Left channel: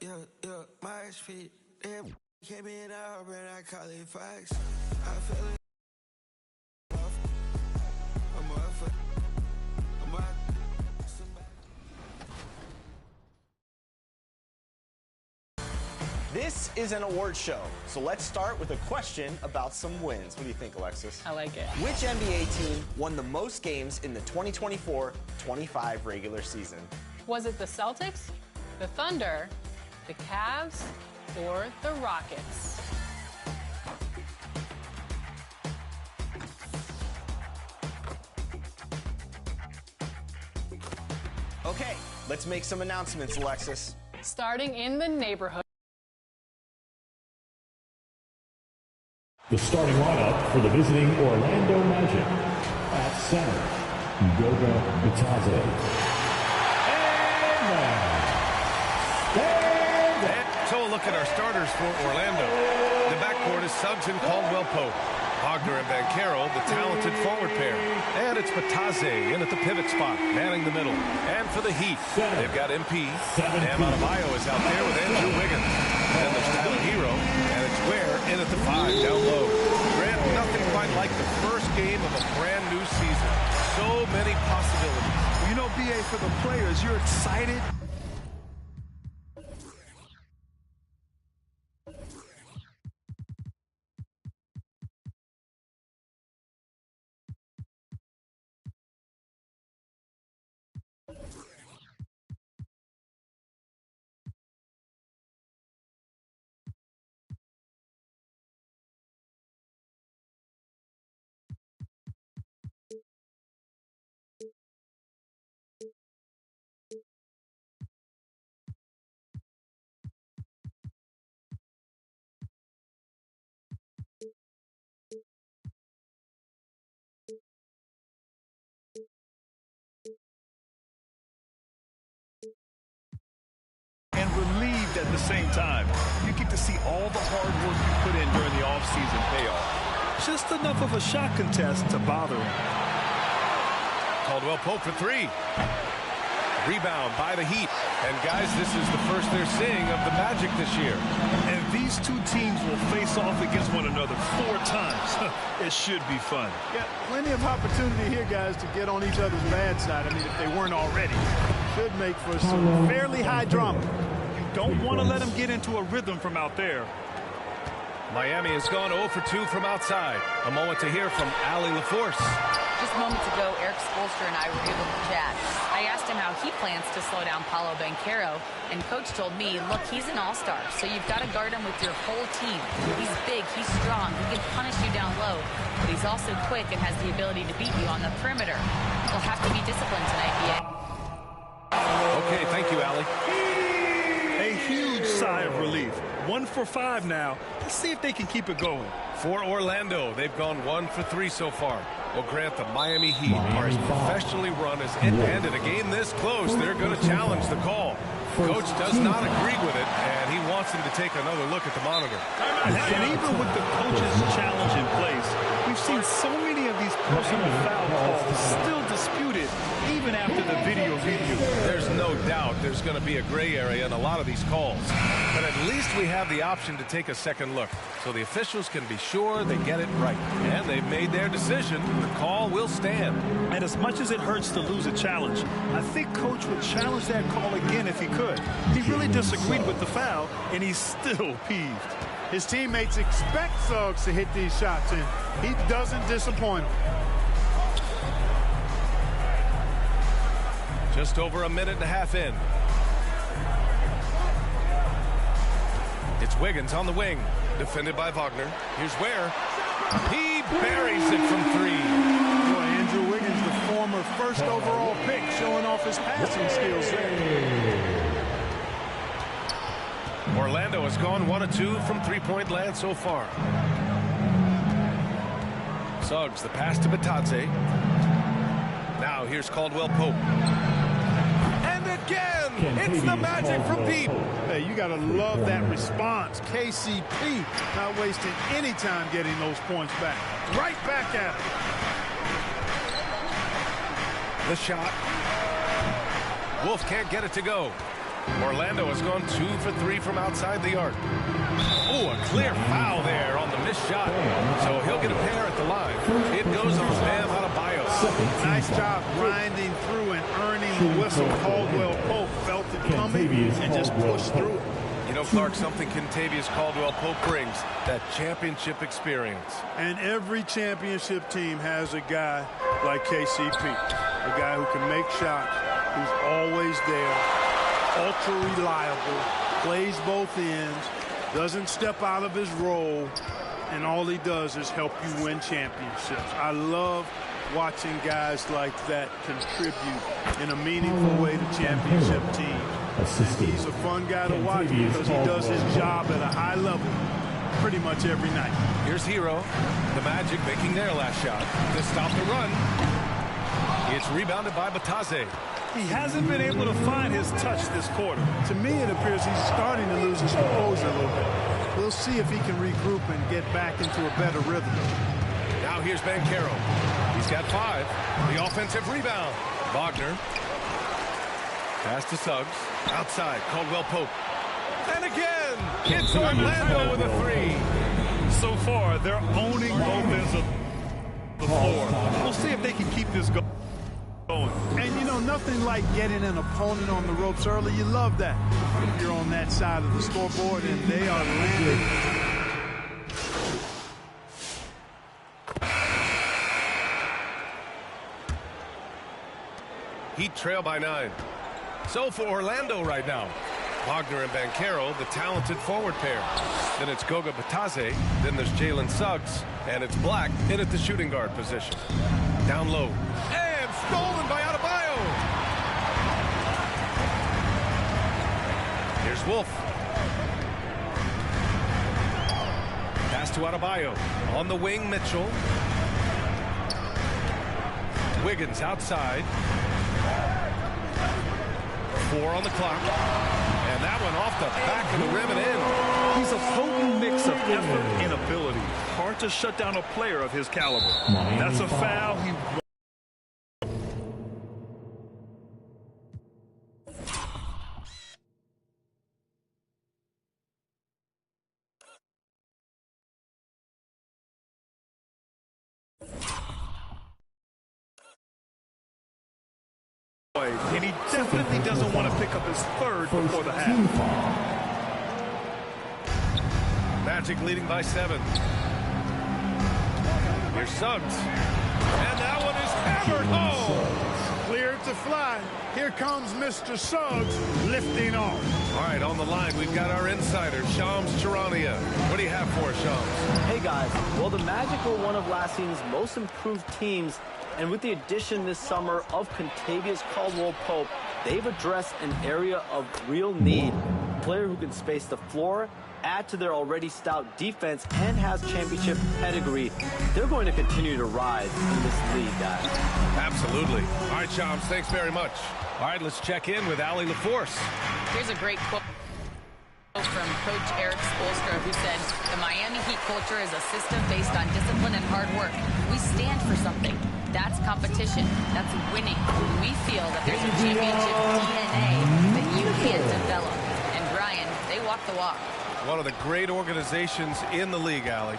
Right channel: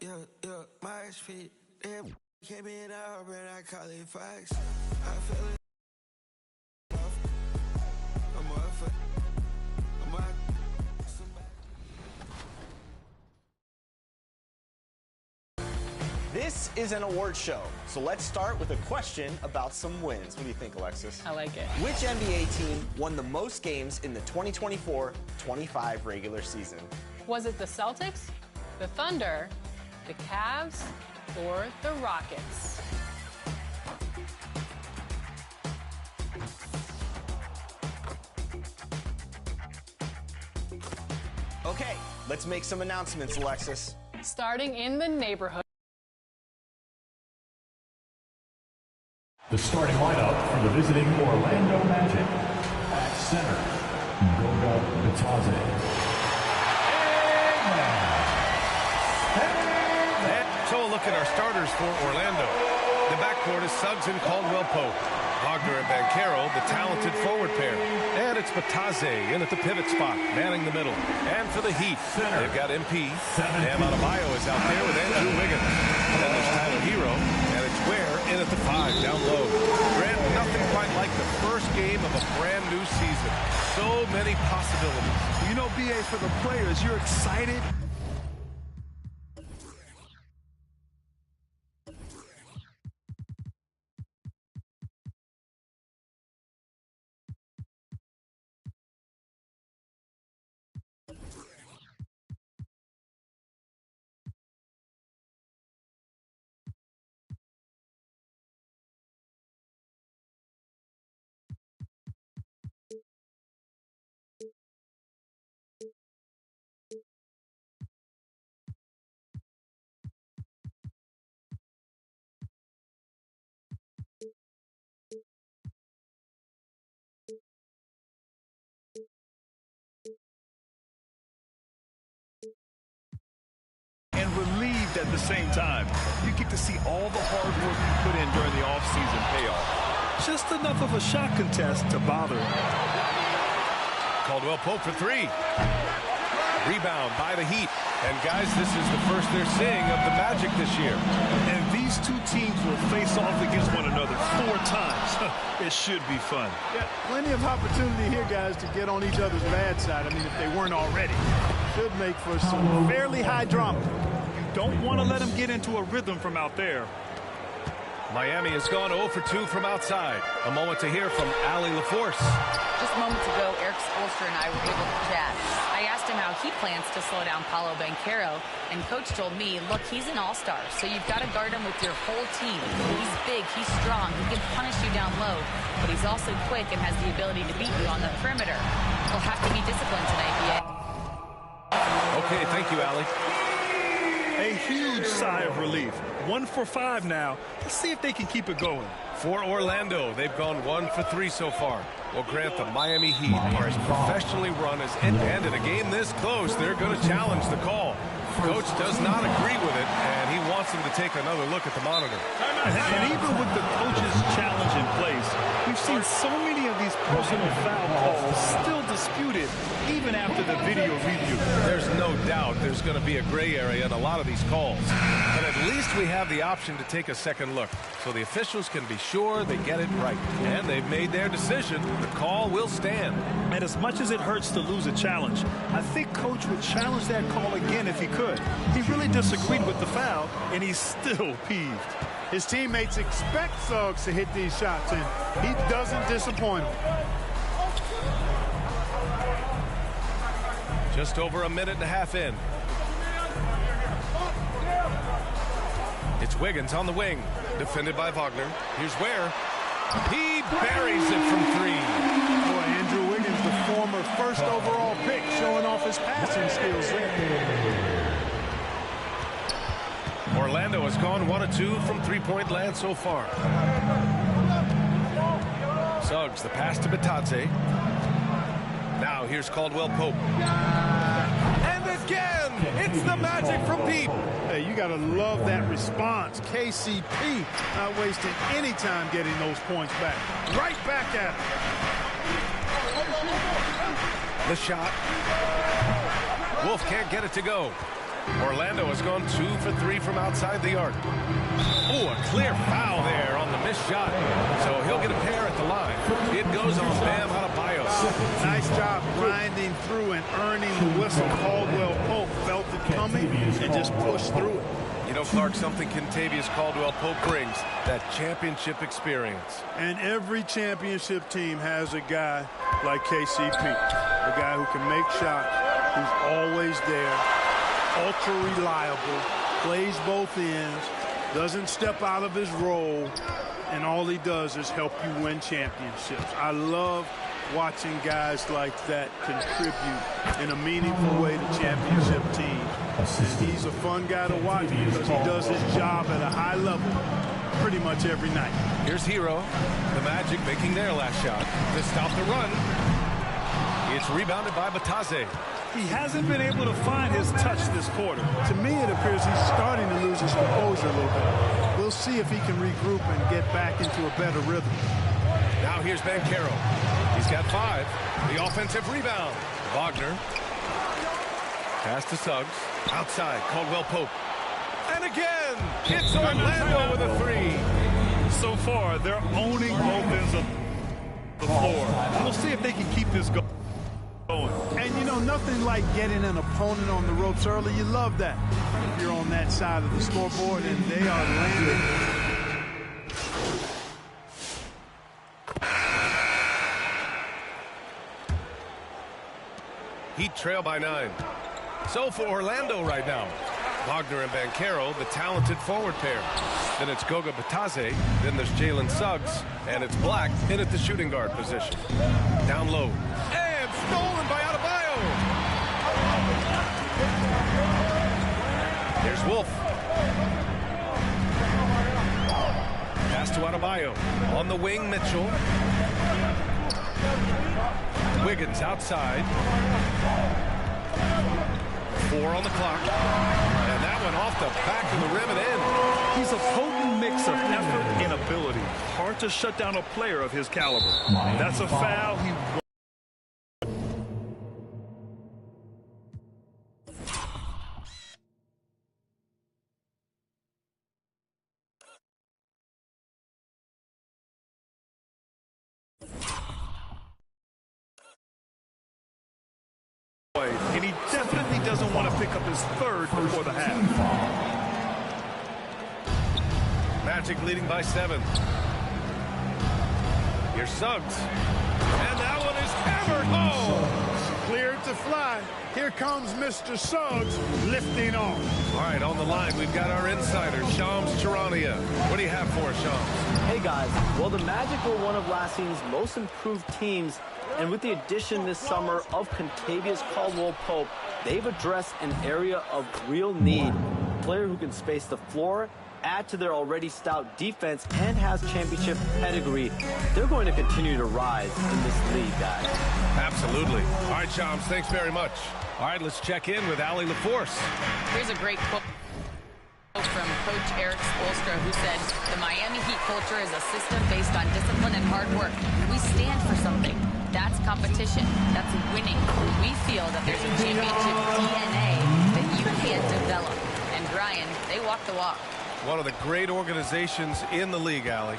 yeah, my feet. Damn, came in out, but I call it facts. I feel it. I'm up for. I'm up. This is an award show, so let's start with a question about some wins. What do you think, Alexis? I like it. Which NBA team won the most games in the 2024-25 regular season? Was it the Celtics, the Thunder, the Cavs, or the Rockets? Okay, let's make some announcements, Alexis. Starting in the neighborhood. The starting lineup for the visiting Orlando Magic. At center, Goga Bitadze. And so a look at our starters for Orlando. The backcourt is Suggs and Caldwell-Pope. Wagner and Banchero, the talented forward pair. And it's Bitadze in at the pivot spot, manning the middle. And for the Heat, they've got MP. Bam Adebayo is out there with Andrew Wiggins. Then there's Tyler Hero, and it's Ware in at the 5 down low. Grant, nothing quite like the first game of a brand new season. So many possibilities. Well, you know, BA, for the players, you're excited. And relieved at the same time. You get to see all the hard work you put in during the offseason pay off. Just enough of a shot contest to bother him. Caldwell-Pope for 3. Rebound by the Heat. And guys, this is the first they're seeing of the Magic this year. And these two teams will face off against one another 4 times. It should be fun. Yeah, plenty of opportunity here, guys, to get on each other's bad side. I mean, if they weren't already. Should make for some fairly high drama. You don't want to let them get into a rhythm from out there. Miami has gone 0 for 2 from outside. A moment to hear from Allie LaForce. Just moments ago, Eric Spoelstra and I were able to chat. I asked him how he plans to slow down Paolo Banchero, and Coach told me, look, he's an all-star, so you've got to guard him with your whole team. He's big, he's strong, he can punish you down low, but he's also quick and has the ability to beat you on the perimeter. We'll have to be disciplined tonight, BA. Okay, thank you, Allie. A huge sigh of relief. 1 for 5 now. Let's see if they can keep it going. For Orlando, they've gone 1 for 3 so far. Well, Grant, the Miami Heat are as professionally run as any, and in a game this close, they're going to challenge the call. Coach does not agree with it, and he wants him to take another look at the monitor. And even with the coach's challenge in place, we've seen so many of these personal foul calls still disputed, even after the video review. There's no doubt there's going to be a gray area in a lot of these calls. But at least we have the option to take a second look, so the officials can be sure they get it right. And they've made their decision. The call will stand. And as much as it hurts to lose a challenge, I think Coach would challenge that call again if he could. He really disagreed with the foul, and he's still peeved. His teammates expect Suggs to hit these shots, and he doesn't disappoint them. Just over a minute and a half in. It's Wiggins on the wing, defended by Wagner. Here's Ware. He buries it from 3. Boy, Andrew Wiggins, the former first overall pick, showing off his passing skills there. Orlando has gone 1 of 2 from three-point land so far. Suggs, the pass to Bitadze. Now here's Caldwell-Pope. And again, it's the Magic from deep. Hey, you got to love that response. KCP not wasting any time getting those points back. Right back at him. The shot. Wolf can't get it to go. Orlando has gone 2 for 3 from outside the arc. Oh, a clear foul there on the missed shot. So he'll get a pair at the line. It goes on Bam Adebayo. Nice job grinding through and earning the whistle. Caldwell Pope felt it coming and just pushed through it. You know, Clark, something Kentavious Caldwell-Pope brings, that championship experience. And every championship team has a guy like KCP, a guy who can make shots, who's always there, ultra reliable, plays both ends, doesn't step out of his role, and all he does is help you win championships. I love watching guys like that contribute in a meaningful way to championship teams. And he's a fun guy to watch because he does his job at a high level pretty much every night. Here's Hero. The Magic making their last shot to stop the run. It's rebounded by Bitadze. He hasn't been able to find his touch this quarter. To me, it appears he's starting to lose his composure a little bit. We'll see if he can regroup and get back into a better rhythm. Now here's Banchero. He's got 5. The offensive rebound. Wagner. Pass to Suggs. Outside, Caldwell-Pope. And again, it's Orlando with a 3. So far, they're owning both ends of the floor. We'll see if they can keep this going. And, you know, nothing like getting an opponent on the ropes early. You love that if you're on that side of the scoreboard, and they are landing. Heat trail by 9. So for Orlando right now, Wagner and Banchero, the talented forward pair. Then it's Goga Bitadze. Then there's Jalen Suggs. And it's Black in at the shooting guard position. Down low. And stolen by Adebayo. Here's Wolf. Pass to Adebayo. On the wing, Mitchell. Wiggins outside. 4 on the clock. And that one off the back of the rim and in. He's a potent mix of effort and ability. Hard to shut down a player of his caliber. That's a foul. He and he definitely doesn't want to pick up his 3rd before the half. Magic leading by 7. Here's Suggs. And that one is hammered home. Cleared to fly. Here comes Mr. Suggs lifting off. All right, on the line, we've got our insider, Shams Charania. What do you have for us, Shams? Hey, guys. Well, the Magic were one of last season's most improved teams. And with the addition this summer of Kentavious Caldwell-Pope, they've addressed an area of real need. A player who can space the floor, add to their already stout defense, and has championship pedigree. They're going to continue to rise in this league, guys. Absolutely. All right, Shams, thanks very much. All right, let's check in with Allie LaForce. Here's a great quote from Coach Eric Spoelstra, who said, "The Miami Heat culture is a system based on discipline and hard work. We stand for something. That's competition. That's winning. We feel that there's a championship DNA that you can't develop." And Brian, they walk the walk. One of the great organizations in the league, Allie.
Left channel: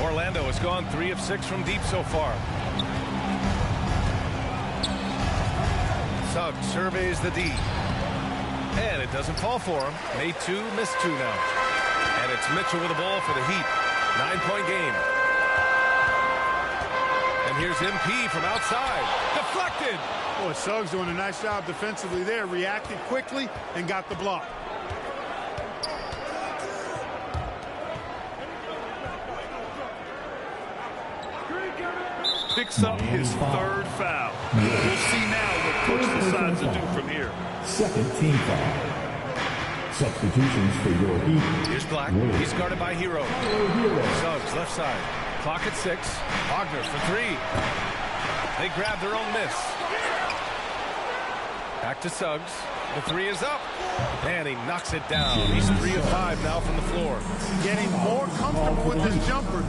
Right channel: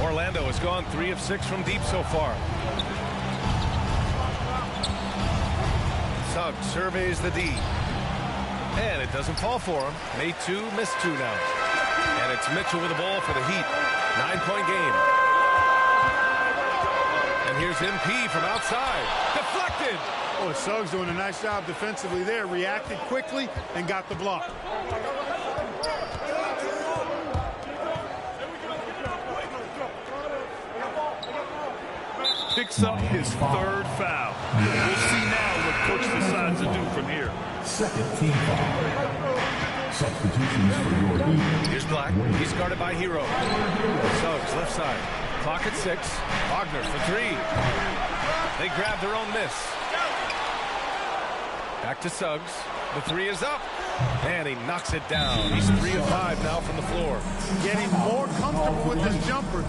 Orlando has gone 3 of 6 from deep so far. Suggs surveys the D. And it doesn't fall for him. Made 2, missed 2 now. And it's Mitchell with the ball for the Heat. 9-point game. And here's MP from outside. Deflected. Boy, Suggs doing a nice job defensively there. Reacted quickly and got the block. picks up his 3rd foul. We'll see now what Coach decides to do from here. 2nd team foul. Substitutions for your Heat. Here's Black. He's guarded by Hero. Suggs, left side. Clock at 6. Wagner for 3. They grab their own miss. Back to Suggs. The 3 is up. And he knocks it down. He's 3 of 5 now from the floor. Getting more comfortable with his jumper.